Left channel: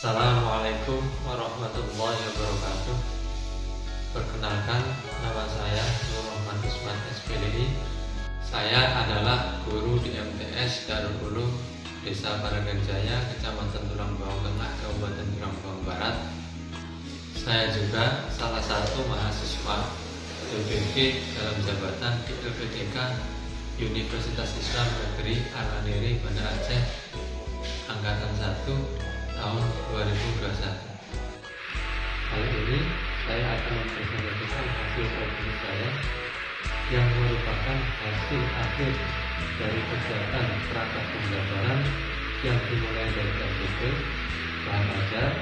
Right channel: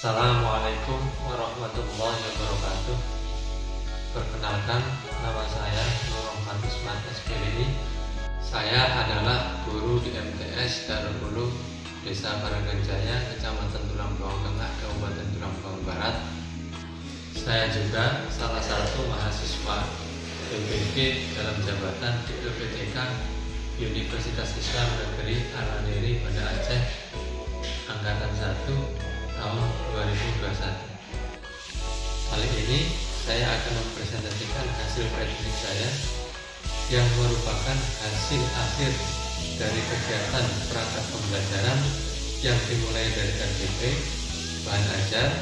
Assalamualaikum warahmatullahi wabarakatuh. Perkenalkan, nama saya Nur Rahman Usman SPLI. Saya adalah guru di MTS Darul Ulum Desa Baranganjaya, Kecamatan Tulang Bawang Tengah, Kabupaten Tulang Bawang Barat. Saya juga salah satu mahasiswa LPB dalam jabatan di LPDK Universitas Islam Negeri Al-Aniri, Banda Aceh, Angkatan 1 tahun 2021. Kali ini saya akan mempresentasikan hasil prediksi saya yang merupakan hasil akhir dari kegiatan perangkat pembelajaran yang dimulai dari RPP, bahan ajar,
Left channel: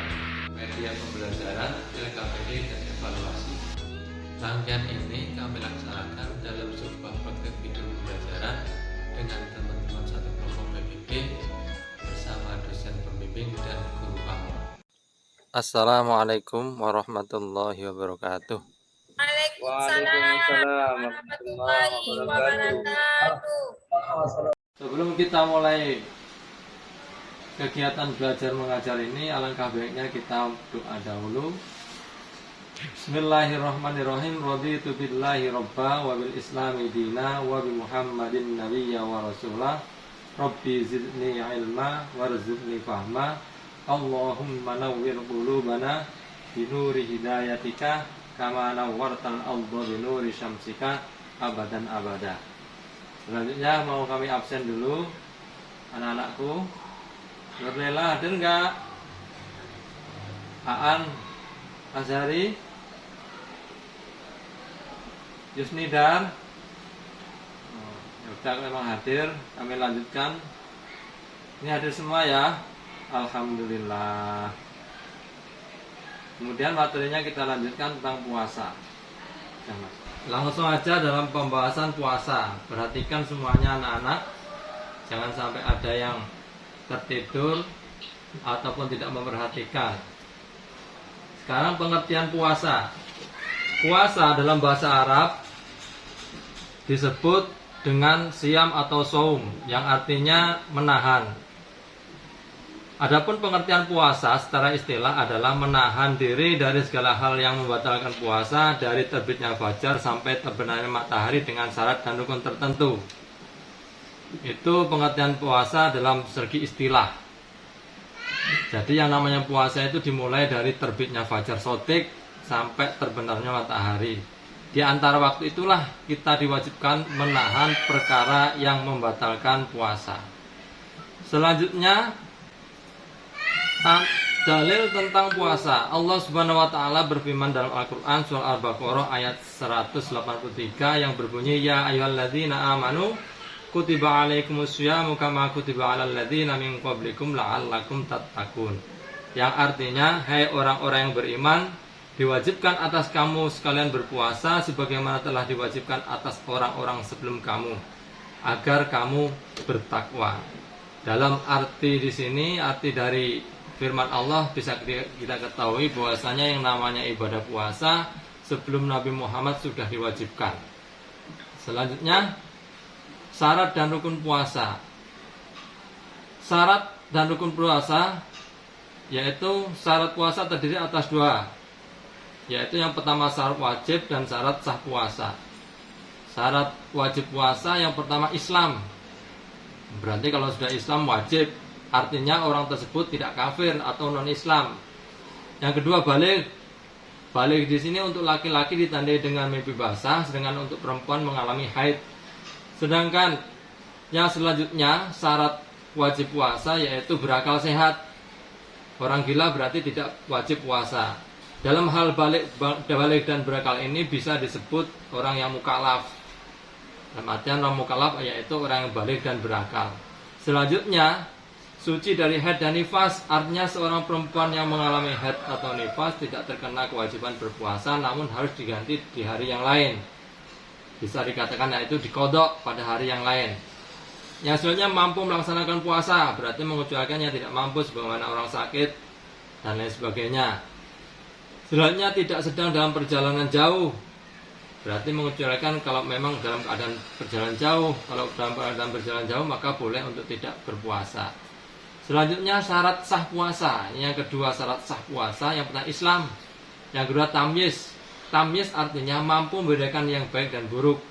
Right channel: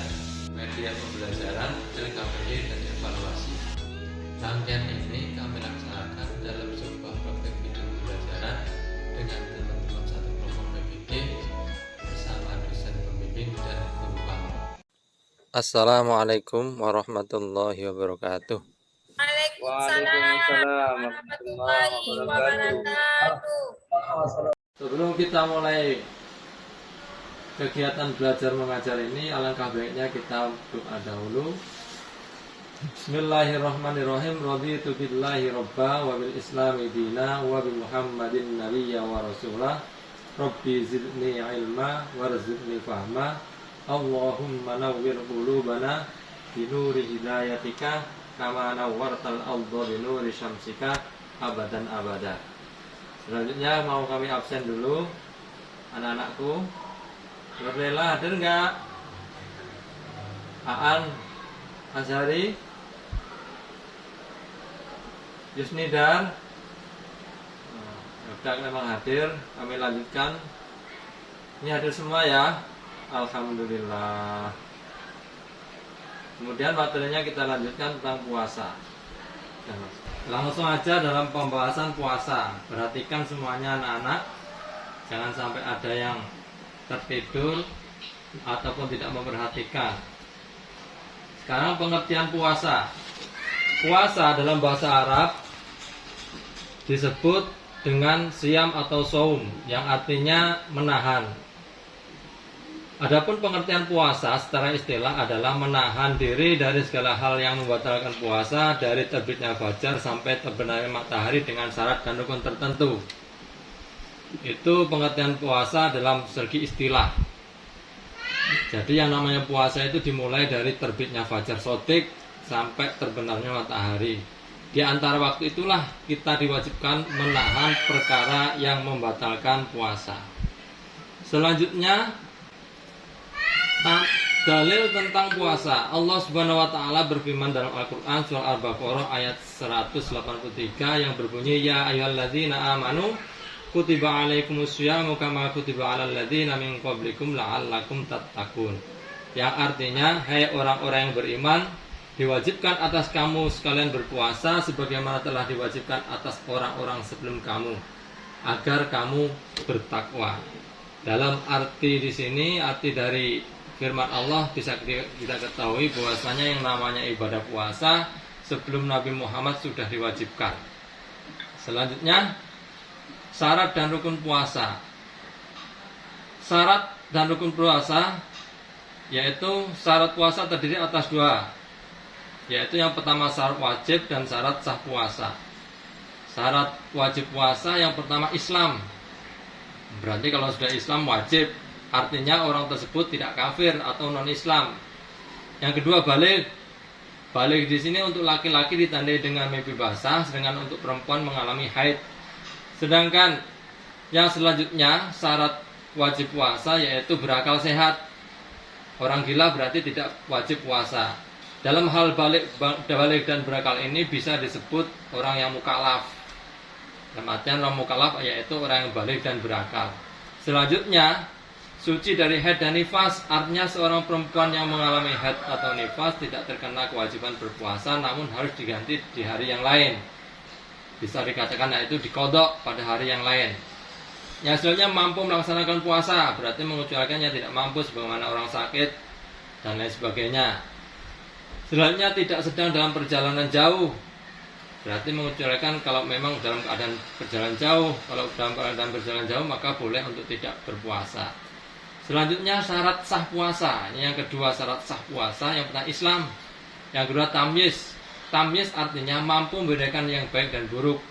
media pembelajaran, LKPD, dan evaluasi. Rangkaian ini kami laksanakan dalam sebuah proyek video pembelajaran dengan teman-teman satu kelompok PPB bersama dosen pembimbing dan guru kamu. Assalamualaikum warahmatullahi wabarakatuh. Waalaikumsalam warahmatullahi wabarakatuh. Sebelum kita mulai kegiatan belajar mengajar ini, alangkah baiknya kita doa dahulu. Bismillahirrahmanirrahim. Raditu billahi robba wa bil islami dina wa bi muhammadin nabiyya wa rasulah. Rabbi zidni ilma warzuqni fahma. Allahumma nawwir qulubana binuri hidayatika kama nawwartal arda binuri syamsika abadan abada. Selanjutnya mau kami absen dulu anak-anakku. Nurlela hadir enggak? Aan, Azhari, Yusnidar. Sudah memang hadir, kami lanjutkan. Ini hadir semua ya. Alhamdulillah. Kemudian materinya kita lanjutkan tentang puasa. Langsung aja dalam pembahasan puasa. Perhatikan semuanya anak-anak. Jangan sampai ada yang tertidur ataupun tidak memperhatikan. Sekarang pengertian puasa. Puasa dalam bahasa Arab disebut dengan siam atau saum, yang artinya menahan. Adapun pengertian puasa secara istilah adalah menahan diri dari segala hal yang membatalkan puasa dari terbitnya fajar sampai terbenamnya matahari dengan syarat dan rukun tertentu. Itu pengertian puasa dalam segi istilah. Jadi yang namanya puasa itu dimulai dari terbitnya fajar shodiq sampai terbenamnya matahari. Di antara waktu itulah kita diwajibkan menahan perkara yang membatalkan puasa. Selanjutnya, dalil tentang puasa. Allah Subhanahu wa taala berfirman dalam Al-Qur'an surah Al-Baqarah ayat 183 yang berbunyi, ya ayyuhalladzina amanu kutiba alaikumusyamu kama kutiba alal ladzina min qablikum la'allakum tattaqun. Yang artinya, hai orang-orang yang beriman, diwajibkan atas kamu sekalian berpuasa sebagaimana telah diwajibkan atas orang-orang sebelum kamu agar kamu bertakwa. Dalam arti di sini, arti dari firman Allah bisa kita ketahui bahwasanya yang namanya ibadah puasa sebelum Nabi Muhammad sudah diwajibkan. Selanjutnya, syarat dan rukun puasa. Syarat dan rukun puasa yaitu syarat puasa terdiri atas dua, yaitu yang pertama syarat wajib dan syarat sah puasa. Syarat wajib puasa yang pertama Islam. Berarti kalau sudah Islam wajib, artinya orang tersebut tidak kafir atau non-Islam. Yang kedua balik. Balik di sini untuk laki-laki ditandai dengan mimpi basah, sedangkan untuk perempuan mengalami haid. Sedangkan yang selanjutnya syarat wajib puasa yaitu berakal sehat. Orang gila berarti tidak wajib puasa. Dalam hal balik dan berakal ini bisa disebut orang yang mukallaf. Dalam artian orang mukallaf yaitu orang yang balik dan berakal. Selanjutnya, suci dari haid dan nifas, artinya seorang perempuan yang mengalami haid atau nifas tidak terkena kewajiban berpuasa, namun harus diganti di hari yang lain. Bisa dikatakan yaitu dikodok pada hari yang lain. Yang selanjutnya mampu melaksanakan puasa, berarti mengecualikannya tidak mampu sebagaimana orang sakit dan lain sebagainya. Selanjutnya tidak sedang dalam perjalanan jauh, berarti mengecualikan kalau memang dalam keadaan perjalanan jauh. Kalau dalam keadaan perjalanan jauh maka boleh untuk tidak berpuasa. Selanjutnya syarat sah puasa. Ini yang kedua, syarat sah puasa. Yang pertama Islam. Yang kedua tamyiz. Tamyiz artinya mampu membedakan yang baik dan buruk.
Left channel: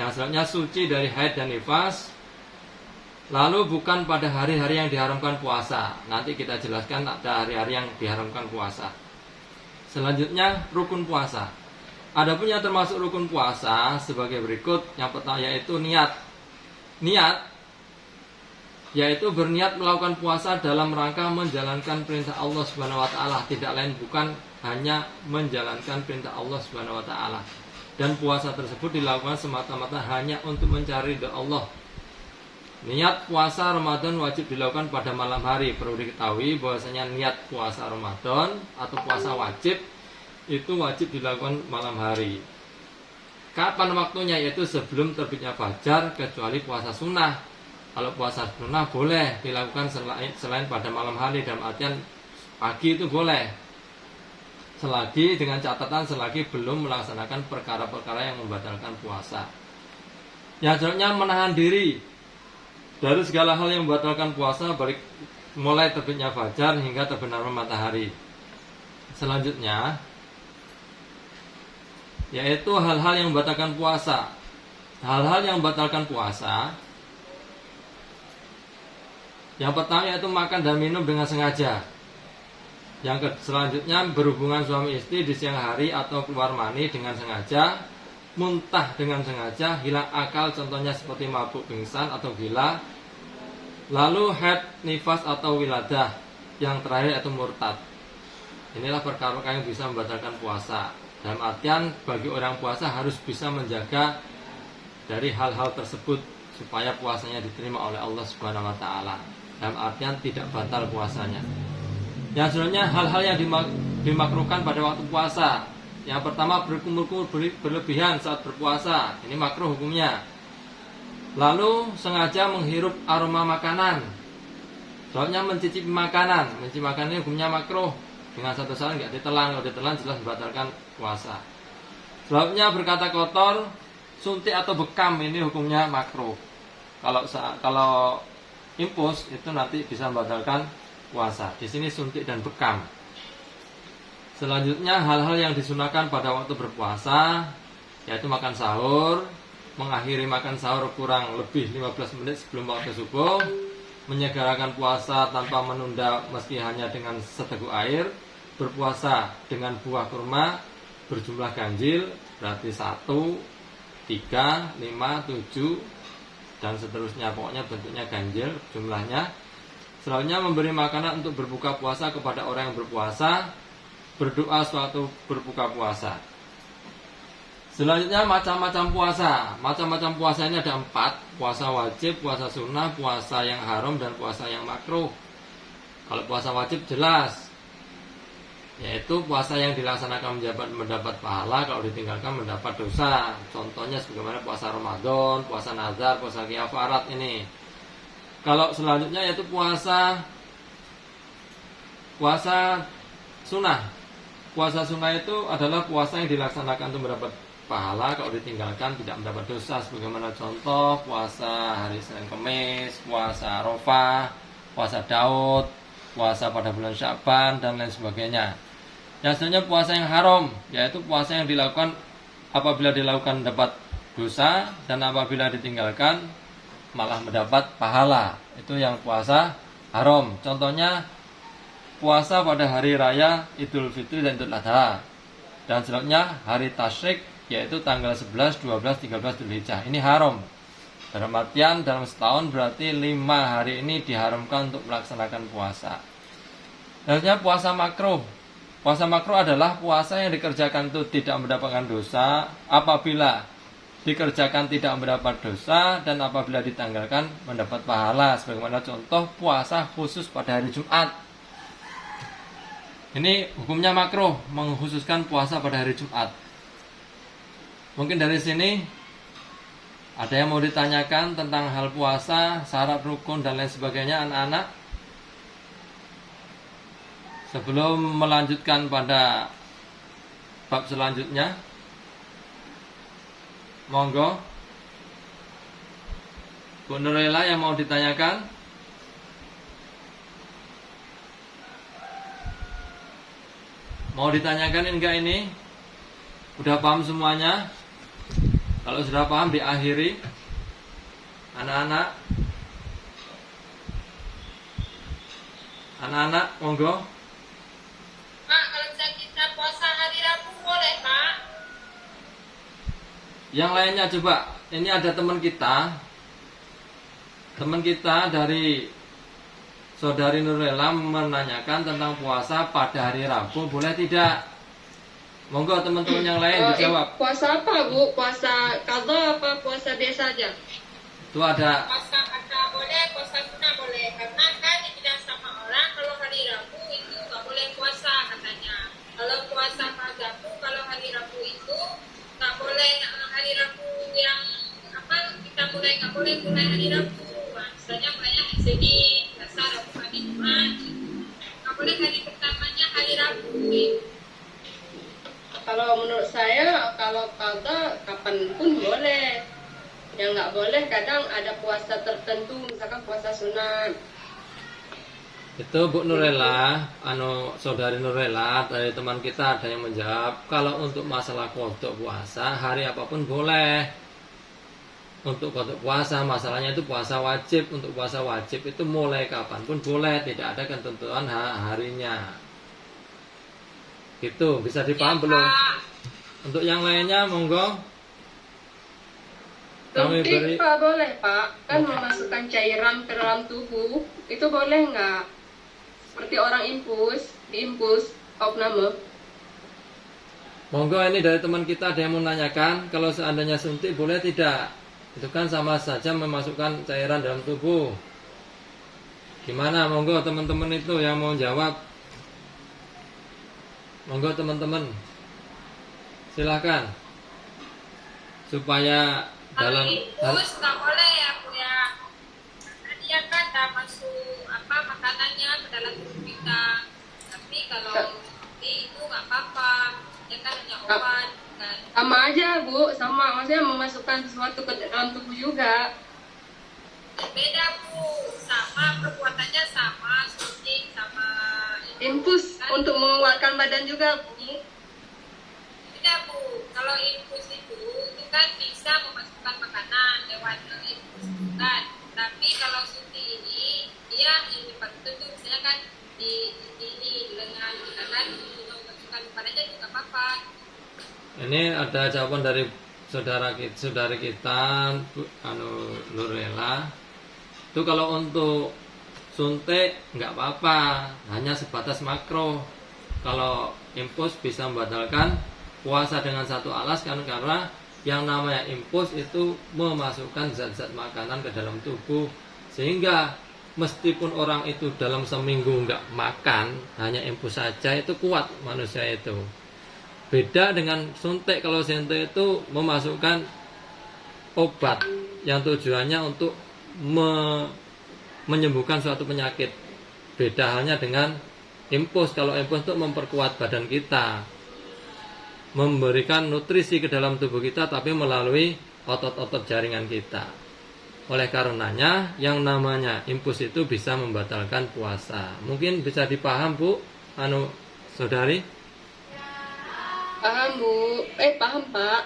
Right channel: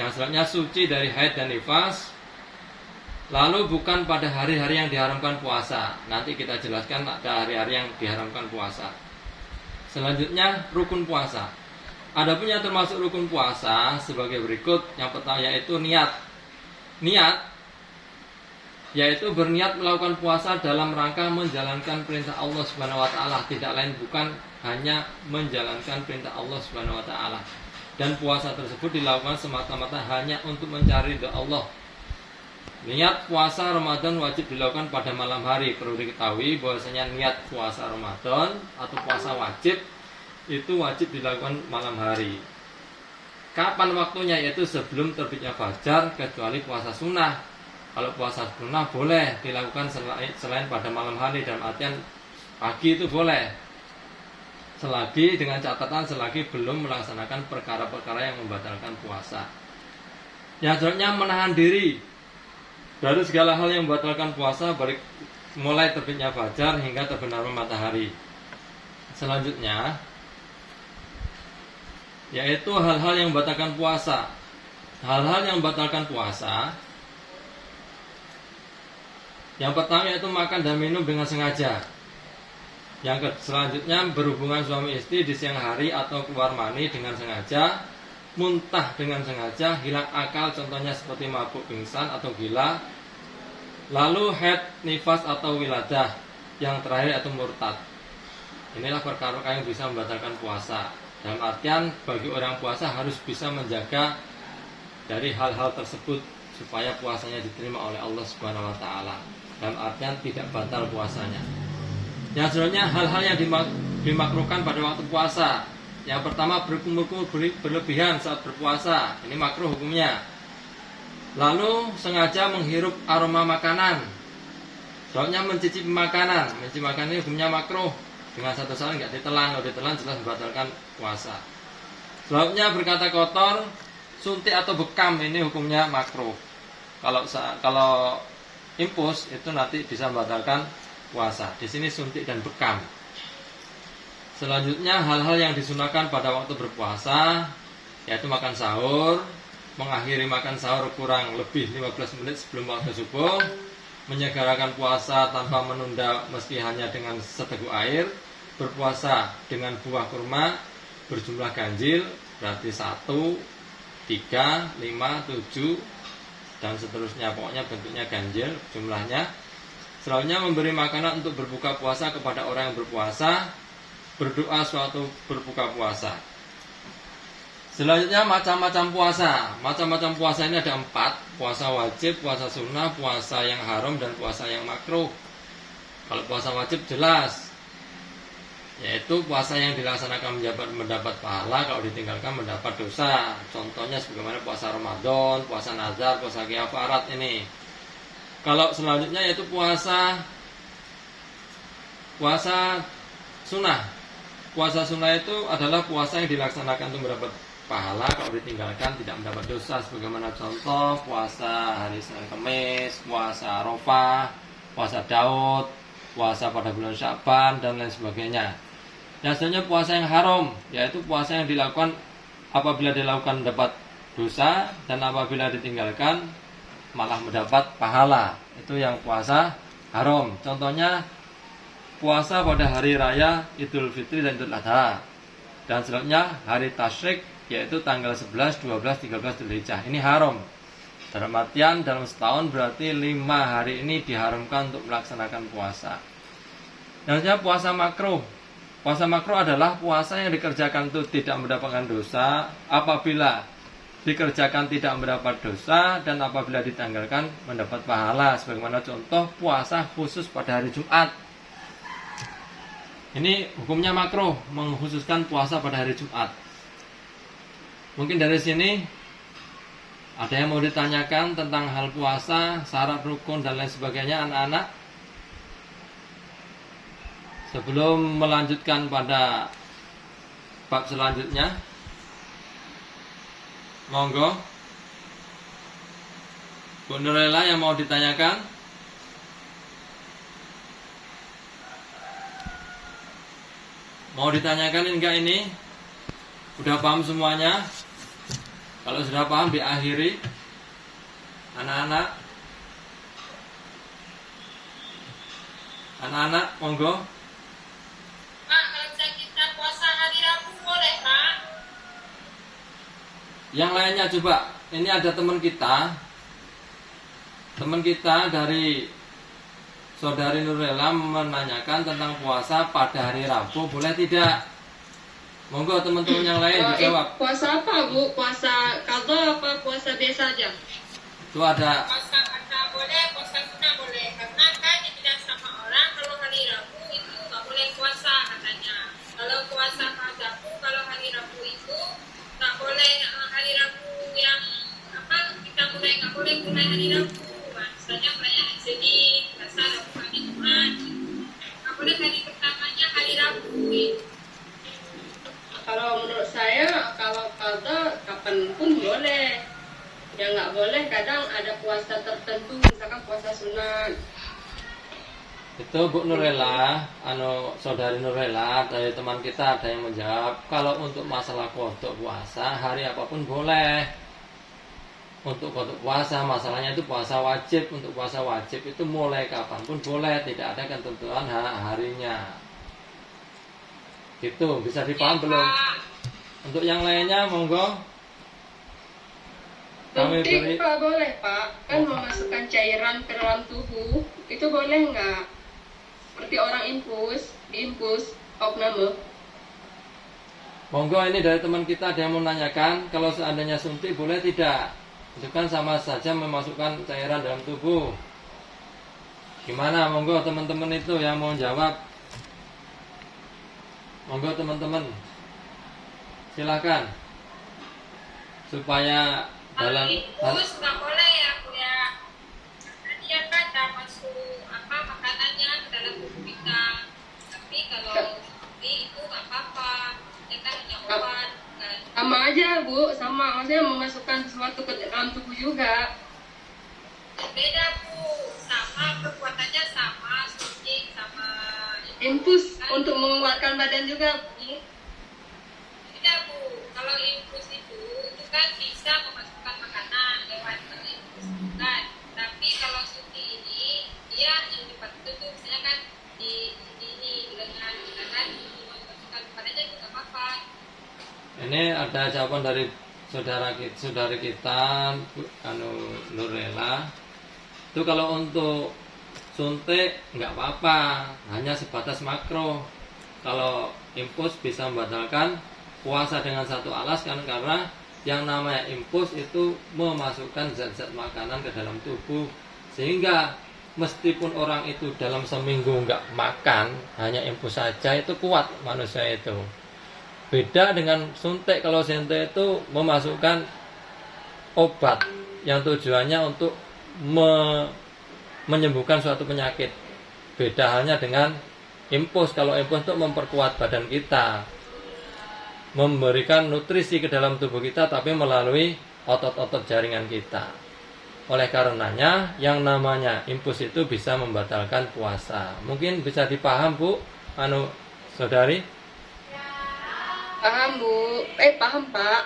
Yang selanjutnya suci dari haid dan nifas. Lalu bukan pada hari-hari yang diharamkan puasa. Nanti kita jelaskan ada hari-hari yang diharamkan puasa. Selanjutnya rukun puasa. Adapun yang termasuk rukun puasa sebagai berikut. Yang pertama yaitu niat. Niat yaitu berniat melakukan puasa dalam rangka menjalankan perintah Allah Subhanahu wa taala, tidak lain bukan hanya menjalankan perintah Allah Subhanahu wa taala. Dan puasa tersebut dilakukan semata-mata hanya untuk mencari ridha Allah. Niat puasa Ramadan wajib dilakukan pada malam hari. Perlu diketahui bahwasanya niat puasa Ramadan atau puasa wajib itu wajib dilakukan malam hari. Kapan waktunya? Yaitu sebelum terbitnya fajar, kecuali puasa sunnah. Kalau puasa sunnah boleh dilakukan selain pada malam hari, dalam artian pagi itu boleh. Selagi dengan catatan selagi belum melaksanakan perkara-perkara yang membatalkan puasa. Yang selanjutnya menahan diri dari segala hal yang membatalkan puasa, mulai terbitnya fajar hingga terbenamnya matahari. Selanjutnya yaitu hal-hal yang membatalkan puasa. Hal-hal yang membatalkan puasa, yang pertama yaitu makan dan minum dengan sengaja. Yang selanjutnya berhubungan suami istri di siang hari atau keluar mani dengan sengaja, muntah dengan sengaja, hilang akal contohnya seperti mabuk, pingsan atau gila. Lalu haid, nifas atau wiladah. Yang terakhir yaitu murtad. Inilah perkara-perkara yang bisa membatalkan puasa. Dalam artian bagi orang puasa harus bisa menjaga dari hal-hal tersebut supaya puasanya diterima oleh Allah Subhanahu wa taala. Dalam artian tidak batal puasanya. Yang selanjutnya hal-hal yang dimakruhkan pada waktu puasa. Yang pertama berkumpul berlebihan saat berpuasa. Ini makruh hukumnya. Lalu sengaja menghirup aroma makanan. Soalnya mencicipi makanan. Mencicipi makanan ini hukumnya makruh. Dengan satu saat nggak ditelan. Kalau ditelan jelas membatalkan puasa. Sebabnya berkata kotor, suntik atau bekam ini hukumnya makruh. Kalau impus itu nanti bisa membatalkan puasa. Di sini suntik dan bekam. Selanjutnya hal-hal yang disunahkan pada waktu berpuasa yaitu makan sahur, mengakhiri makan sahur kurang lebih 15 menit sebelum waktu subuh, menyegerakan puasa tanpa menunda meski hanya dengan seteguk air, berpuasa dengan buah kurma berjumlah ganjil, berarti 1, 3, 5, 7 dan seterusnya, pokoknya bentuknya ganjil jumlahnya. Selanjutnya memberi makanan untuk berbuka puasa kepada orang yang berpuasa, berdoa suatu berbuka puasa. Selanjutnya macam-macam puasa. Macam-macam puasa ini ada 4. Puasa wajib, puasa sunnah, puasa yang haram, dan puasa yang makruh. Kalau puasa wajib jelas, yaitu puasa yang dilaksanakan mendapat pahala, kalau ditinggalkan mendapat dosa. Contohnya sebagaimana puasa Ramadan, puasa nazar, puasa kiafarat ini. Kalau selanjutnya yaitu puasa sunnah. Puasa sunnah itu adalah puasa yang dilaksanakan untuk mendapat pahala, kalau ditinggalkan tidak mendapat dosa. Sebagaimana contoh puasa hari Senin Kemis, puasa Arafah, puasa Daud, puasa pada bulan Sya'ban, dan lain sebagainya. Yang selanjutnya puasa yang haram, yaitu puasa yang dilakukan apabila dilakukan mendapat dosa, dan apabila ditinggalkan malah mendapat pahala. Itu yang puasa haram. Contohnya puasa pada hari raya Idul Fitri dan Idul Adha. Dan selanjutnya hari tasyrik, yaitu tanggal 11, 12, 13 Dzulhijjah. Ini haram. Dalam artian dalam setahun berarti 5 hari ini diharamkan untuk melaksanakan puasa. Selanjutnya puasa makruh. Puasa makruh adalah puasa yang dikerjakan itu tidak mendapatkan dosa, apabila dikerjakan tidak mendapat dosa, dan apabila ditanggalkan mendapat pahala. Sebagaimana contoh puasa khusus pada hari Jumat. Ini hukumnya makruh, mengkhususkan puasa pada hari Jumat. Mungkin dari sini ada yang mau ditanyakan tentang hal puasa, syarat, rukun, dan lain sebagainya, anak-anak? Sebelum melanjutkan pada bab selanjutnya, monggo Bu Nurela yang mau ditanyakan. Mau ditanyakan enggak ini? Udah paham semuanya? Kalau sudah paham diakhiri. Anak-anak. Anak-anak, monggo. Pak, kalau bisa kita puasa hari Rabu boleh, Pak? Yang lainnya coba. Ini ada teman kita. Teman kita dari Saudari Nurlela menanyakan tentang puasa pada hari Rabu, boleh tidak? Monggo teman-teman yang lain dijawab. Puasa apa, Bu? Puasa qadha apa puasa biasa aja? Itu ada Puasa kata boleh, puasa sunnah boleh. Karena kan dibilang sama orang kalau hari Rabu itu nggak boleh puasa katanya. Kalau puasa qadhaku, kalau hari Rabu itu nggak boleh hari Rabu yang apa kita mulai nggak boleh mulai hari Rabu. Misalnya mulainya hari Senin, Selasa, Rabu, Kamis, Jumat. Nggak boleh hari pertamanya hari Rabu. Gitu. Kalau menurut saya, kalau qadha kapanpun boleh. Yang nggak boleh kadang ada puasa tertentu, misalkan puasa sunat. itu Bu Nurlela, Saudari Nurlela dari teman kita ada yang menjawab kalau untuk masalah kodok puasa hari apapun boleh. Untuk kodok puasa masalahnya itu puasa wajib. Untuk puasa wajib itu mulai kapanpun boleh, tidak ada ketentuan harinya. Gitu, bisa dipaham belum? Untuk yang lainnya monggo. Kami beri Suntik Pak boleh Pak, kan memasukkan cairan ke dalam tubuh, itu boleh nggak? Seperti orang diinfus, opname. monggo ini dari teman kita ada yang menanyakan kalau seandainya suntik boleh tidak? Itu kan sama saja memasukkan cairan dalam tubuh. Gimana? Monggo teman-teman itu yang mau jawab. Monggo teman-teman. Silakan. Supaya Kalau dalam infus nggak boleh ya, Bu ya. Karena dia kan dah masuk apa makanannya ke dalam tubuh kita. Tapi kalau itu nggak apa-apa. Ya kan hanya obat kan. Sama aja Bu, sama maksudnya memasukkan sesuatu ke dalam tubuh juga. Beda Bu, sama perbuatannya sama, suntik sama Infus kan. untuk mengeluarkan badan juga Bu. Beda Bu, kalau infus itu kan bisa memasukkan makanan lewat infus kan. Tapi kalau suntik ini dia yang dipakai itu misalnya kan di lengan kita kan memasukkan badannya juga apa-apa. ini ada jawaban dari saudari kita Nurlela. Itu kalau untuk suntik nggak apa-apa, hanya sebatas makro. Kalau infus bisa membatalkan puasa dengan satu alasan karena yang namanya infus itu memasukkan zat-zat makanan ke dalam tubuh, sehingga meskipun orang itu dalam seminggu nggak makan, hanya infus saja itu kuat manusia itu. Beda dengan suntik. Kalau suntik itu memasukkan obat yang tujuannya untuk menyembuhkan suatu penyakit. Beda halnya dengan infus. Kalau infus itu memperkuat badan kita, memberikan nutrisi ke dalam tubuh kita, tapi melalui otot-otot jaringan kita. Oleh karenanya yang namanya infus itu bisa membatalkan puasa. Mungkin bisa dipaham Bu, saudari? Paham Bu, paham Pak.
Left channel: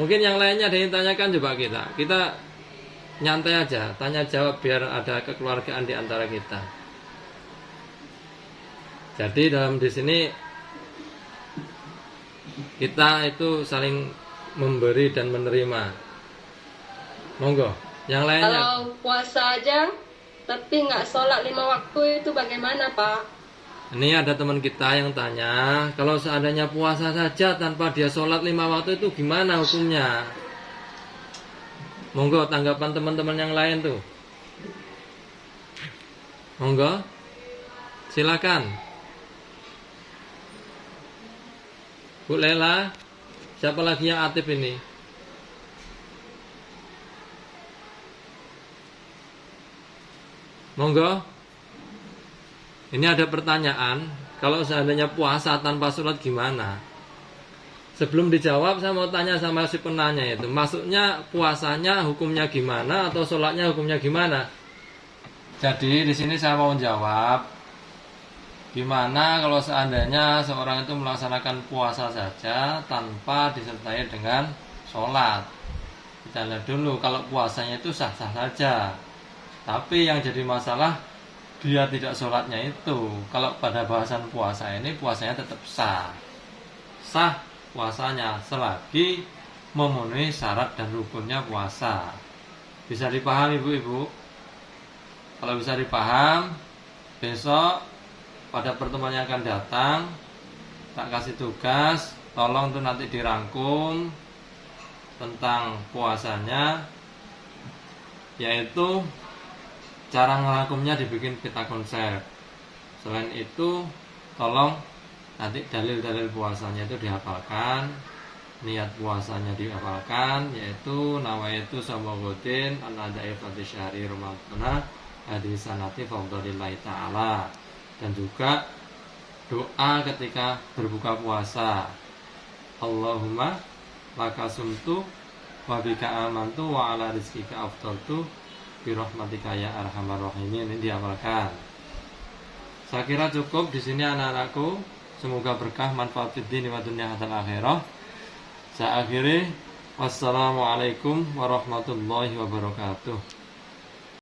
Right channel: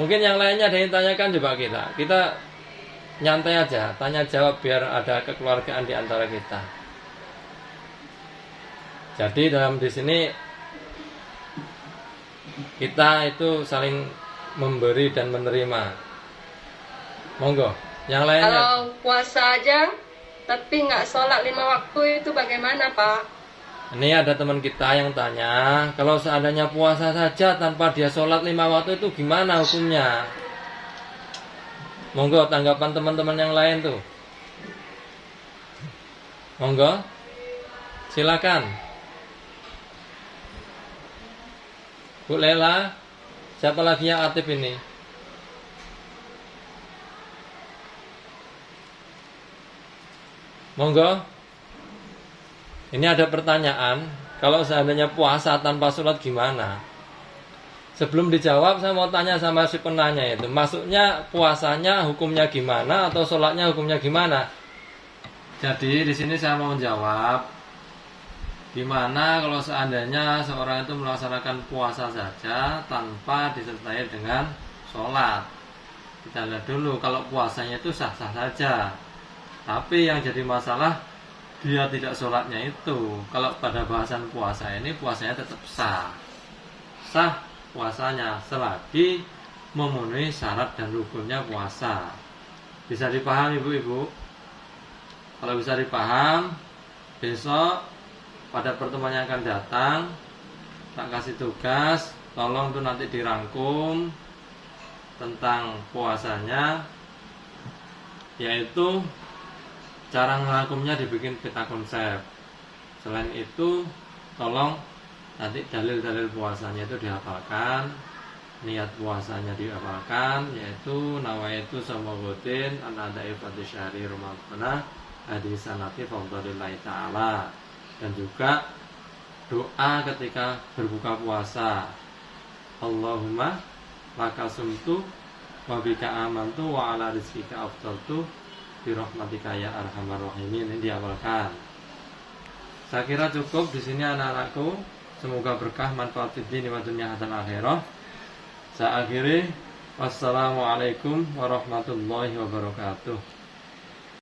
Mungkin yang lainnya ada yang tanyakan, coba kita nyantai aja, tanya jawab biar ada kekeluargaan di antara kita. Jadi di sini kita itu saling memberi dan menerima. Monggo, yang lainnya. Kalau puasa aja tapi nggak sholat 5 waktu itu bagaimana Pak? Ini ada teman kita yang tanya, kalau seandainya puasa saja tanpa dia sholat 5 waktu itu gimana hukumnya? Monggo tanggapan teman-teman yang lain tuh. Monggo, silakan. Bu Lela, siapa lagi yang aktif ini? Monggo. Ini ada pertanyaan, kalau seandainya puasa tanpa sholat gimana? Sebelum dijawab saya mau tanya sama si penanya itu, maksudnya puasanya hukumnya gimana atau sholatnya hukumnya gimana? Jadi di sini saya mau jawab, Gimana kalau seandainya seorang itu melaksanakan puasa saja tanpa disertai dengan sholat? Kita lihat dulu, kalau puasanya itu sah-sah saja, tapi yang jadi masalah dia tidak sholatnya itu. Kalau pada bahasan puasa ini, puasanya tetap sah. Sah puasanya selagi memenuhi syarat dan rukunnya puasa. Bisa dipahami ibu-ibu? Kalau bisa dipaham, besok pada pertemuan yang akan datang tak kasih tugas, tolong tuh nanti dirangkum tentang puasanya, yaitu cara ngerangkumnya dibikin peta konsep. Selain itu, tolong nanti dalil-dalil puasanya itu dihafalkan, niat puasanya dihafalkan, yaitu nawaitu samagotin an-adai fadhi syahri Ramadana hadisanati fadlillahi ta'ala, dan juga doa ketika berbuka puasa, Allahumma laka sumtu wa bika amantu wa ala rizkika aftaltu birahmatika ya arhamar rahimin. Ini dihafalkan. Saya kira cukup di sini anak-anakku. Semoga berkah, manfaat fid dini wa dunya dan akhirah. Saya akhiri. Wassalamualaikum warahmatullahi wabarakatuh.